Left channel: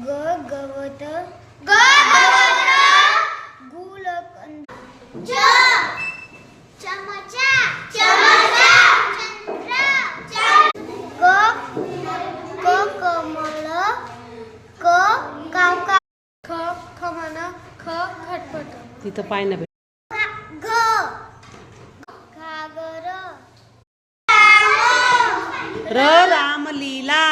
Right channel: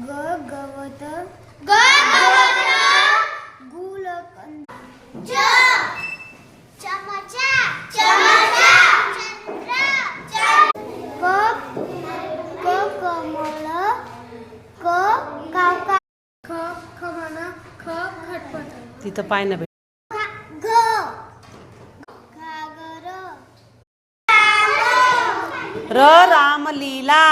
ग गवत गुलकंद चमचा क कमल क कावका ख खमन ख खटपट तिथं पाय ना घ घागर र रामलीला